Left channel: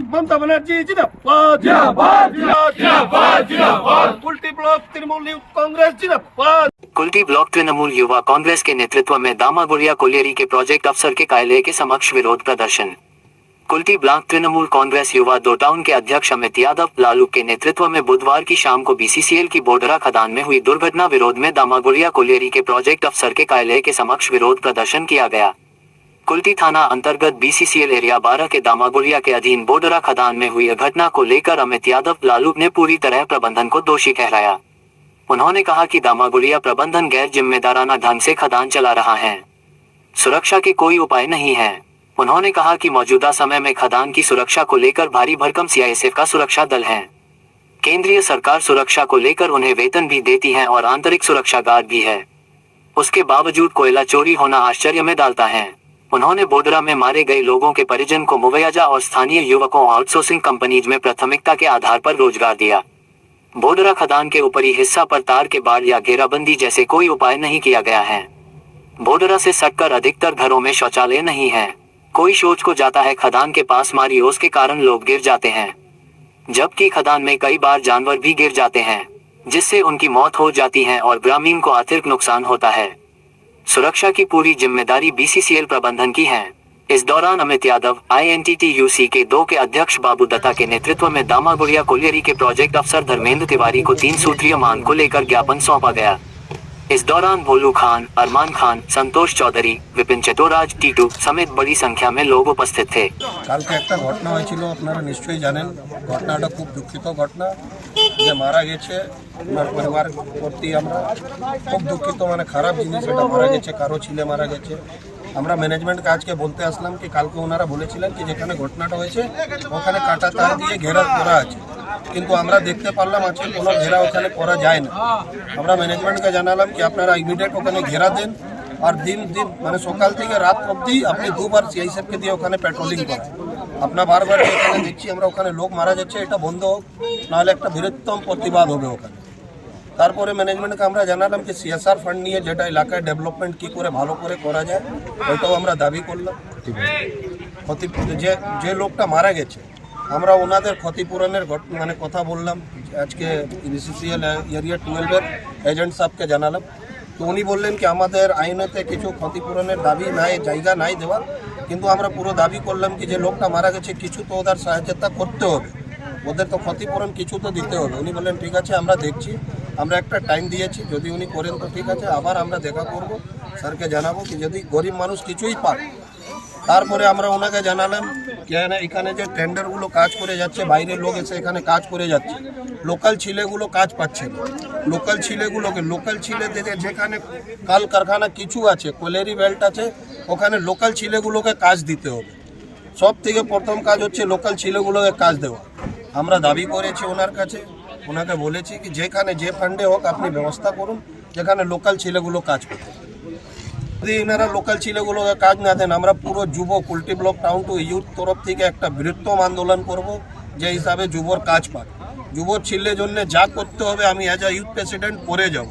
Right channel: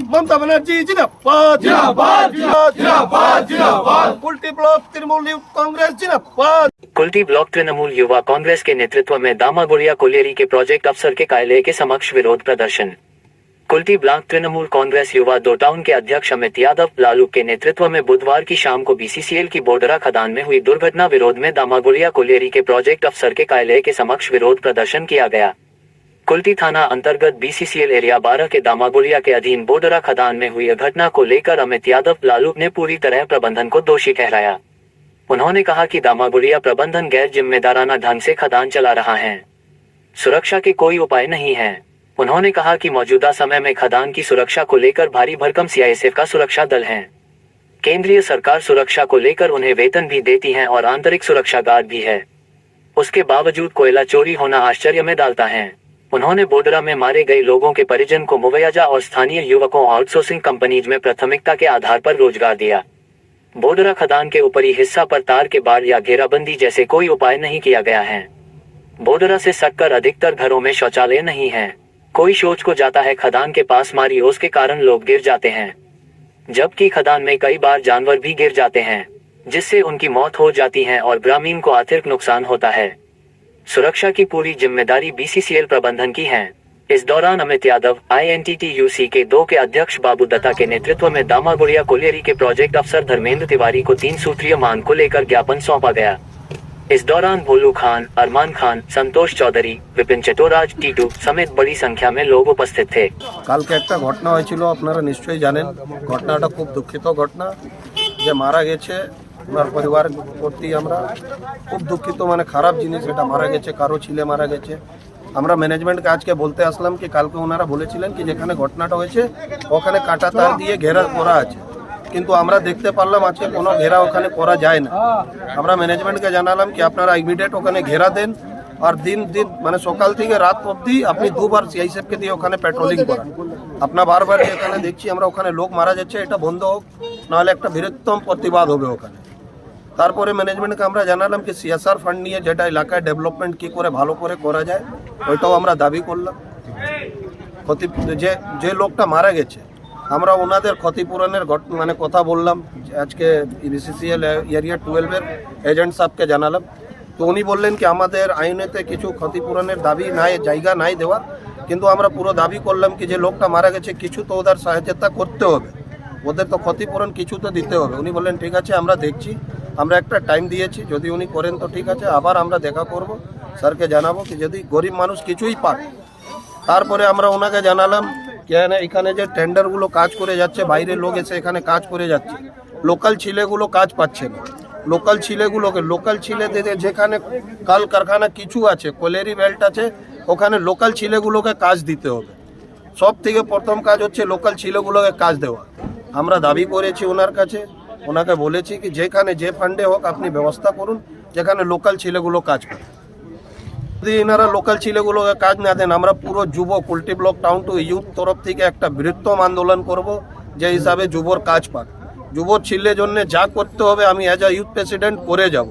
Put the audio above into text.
ममता बनर्जी जिंदाबाद जिंदाबाद जिंदाबाद जिंदाबाद कुल्टी ब्लॉक तृणमूल युवा कांग्रेस जिंदाबाद। कुल्टी ब्लॉक तृणमूल युवा कांग्रेस के नेतृत्व में दामागुड़िया कोलियरी के प्रोजेक्ट अफसर के कार्यालय के समक्ष विरोध प्रदर्शन। कुल्टी ब्लॉक तृणमूल कांग्रेस युवा दो टाउन के अध्यक्ष अमित यादव लालू के नेतृत्व में बुधवार की शाम को बीसीसीएल की बोडरा खदान में हुई दुर्घटना विरोध में दामागुड़िया कोलियरी के प्रोजेक्ट अफसर के कार्यालय के समक्ष विरोध प्रदर्शन किया गया। कुल्टी थाना अंतर्गत बीसीसीएल एरिया 12 के दामागुड़िया के अधीन बोडरा खदान में हुई घटना को लेकर अमित यादव लालू ने पूरी तरह प्रबंधन को दोषी ठहराया। उन्होंने कहा कि दामागुड़िया प्रबंधन गैर जिम्मेदाराना ढंग से खदान चला रहा है, सुरक्षा के कोई उपाय नहीं है। उन्होंने कहा कि मौजूदा समय में खदान की सुरक्षा को लेकर भारी भरकम सीआईएसएफ का सुरक्षा दल है। केंद्रीय सरकार सुरक्षा को लेकर उन्हें वेतन भी देती है और आंतरिक सुरक्षा गार्ड भी है। उसके बावजूद कोयला चोरी होना आश्चर्य में डालता है। उन्होंने बोडरा में मारे गए लोगों के परिजन को मुआवजा और स्थानीय युवकों आउटसोर्सिंग कंपनीज में प्राथमिकता के आधार पर रोजगार दिया। बोडरा खदान के ऊपरी हिस्सा पर तार के बाड़ या घेराबंदी जैसे कोई उपाय नहीं किया गया है। बोडरा से सटकर अधिकतर घरों में शौचालय नहीं है। कोई सोच को जाता है खदान के पास मारी ओस के कारण लोग गिर जाते हैं, जबकि खदान में कई बार जानवर भी गिर जाते हैं, जिससे उनकी मौत हो जाती है और ग्रामीण को आर्थिक नुकसान होता है। सुरक्षा की पूरी जिम्मेदारी बीसीसीएल प्रबंधन की है। इस दौरान अमित यादव INTTUC के 2 के अध्यक्ष बाबू दत्ता के नेतृत्व में दामागुड़िया कोलियरी के प्रोजेक्ट अफसर धर्मेंद्र तिवारी को 3 सूत्रीय मांग को लेकर ज्ञापन सौंपा गया। इस दौरान भोलू खान, अरमान खान, संतोष चौधरी, विपिन चटोराज, टीटू समेत बड़ी संख्या में लोग उपस्थित थे। कल के एक घटना হয়েছিল আপনারা নিশ্চয়ই জানেন। ঘটনাটা খুব দুঃখিত ঘটনা, যে মারা গেছে ওনার পরিবার প্রতি আমরা খুব দুঃখিত, মানে খারাপ জিনিস, এটা মারা গেছে, কারো ছেলে মারা গেছে। আমরা ম্যানেজমেন্টকে আজকে বলতে আসলাম কি কালকে ওনারা বলেছিলেন কি যেখানে ঘটনাটা হয়েছে ওখানে কাটা তার দিয়ে ঘেরা করা আছে, কিন্তু আমরা দেখতে পারলাম আজকে কোনো ঘেরা ওখানে করা যায় না। আমরা ম্যানেজমেন্টকে জানালাম কি আপনারা ইমিডিয়েট ওখানে ঘেরা দেন আর দিন মানে সকাল থেকে রাত অবধি আপনি 2 বার সিআইএসএফকে দিয়ে ওখানে পেট্রোলিং করান। আপনার বারবার এখানে দেখছি আমরা ওখানে লোক মারা যাচ্ছে, এটা বন্ধ হোক, নাহলে একটা বৃহত্তম প্রতিবাদ হবে ওখানে। তারপরে ম্যানেজমেন্টকে আমরা জানালাম কি CSR ফান্ড নিয়ে যেটা এলাকায় ডেভেলপমেন্ট কী করে ভালো করে করা যায় ওইটাও আমরা দাবি করলাম। যে লোকটা মারা গেছে আমরা ওনাদের ক্ষতিপূরণের মানে কথা বললাম, আজকে BCCL এরিয়া 12-এর এজেন্ট সাহেবকে জানালাম। তো উনি বললেন কি আমাদের আইনেতে কিছু ক্ষতিপূরণের দাবি নাই, জায়গা নাই দেওয়ার, কিন্তু আমরা পুরো দাবি করলাম কি যে লোকটা মারা গেছে কিছু তো ওদের সহায়তা করতে হবে, ওদের তো ক্ষতিপূরণ কিছু তো দিতে হবে। উনি বললেন ঠিক আছে আমরা দেখছি, আমরা একটা টাইম দিয়েছি, যদি উনি করেন তো ঠিক আছে, আবার আমরা দেখা করব, স্যারকে জানাবো কি যদি গরিব মানুষ কিছুই পান। তারপরে আমরা ওনাকে জানালাম কেন এখানে যে টেন্ডারগুলো কাজ করে যাচ্ছে, বাইরে লোক এসে এখানে কাজ করে যাচ্ছে, লোকাল ছেলেগুলো কাজ পাচ্ছে না। লোকাল ছেলে থেকে যেখানে কাল কারখানা কিছু আছে, কোলেরি বেল্ট আছে, ওখানে লোকাল ছেলেগুলোকে কাজ দিতে হবে। সব থেকে প্রথম কাজ হচ্ছে লোকাল ছেলেগুলোকে কাজ দেওয়া। আমরা দাবি করেছি ওনার কাছে, ওনাকে বলেছি কি যেখানে যে ফান্ডে হোক আপনি ব্যবস্থা করুন যেখানে লোকাল ছেলেগুলো কাজ করে। যদি এনারা লোকাল ছেলেগুলোকে কাজ না দেন আমরা পুরো যুব কুল্টি ব্লক টাউন টু ইউথ তরফ থেকে একটা বৃহত্তম আন্দোলন করব, যে হিসাবে যুবর কাজ পাক। যুব ছেলের জন্য যা করতে হবে আমি অ্যাজ আ ইউথ প্রেসিডেন্ট করে যাব।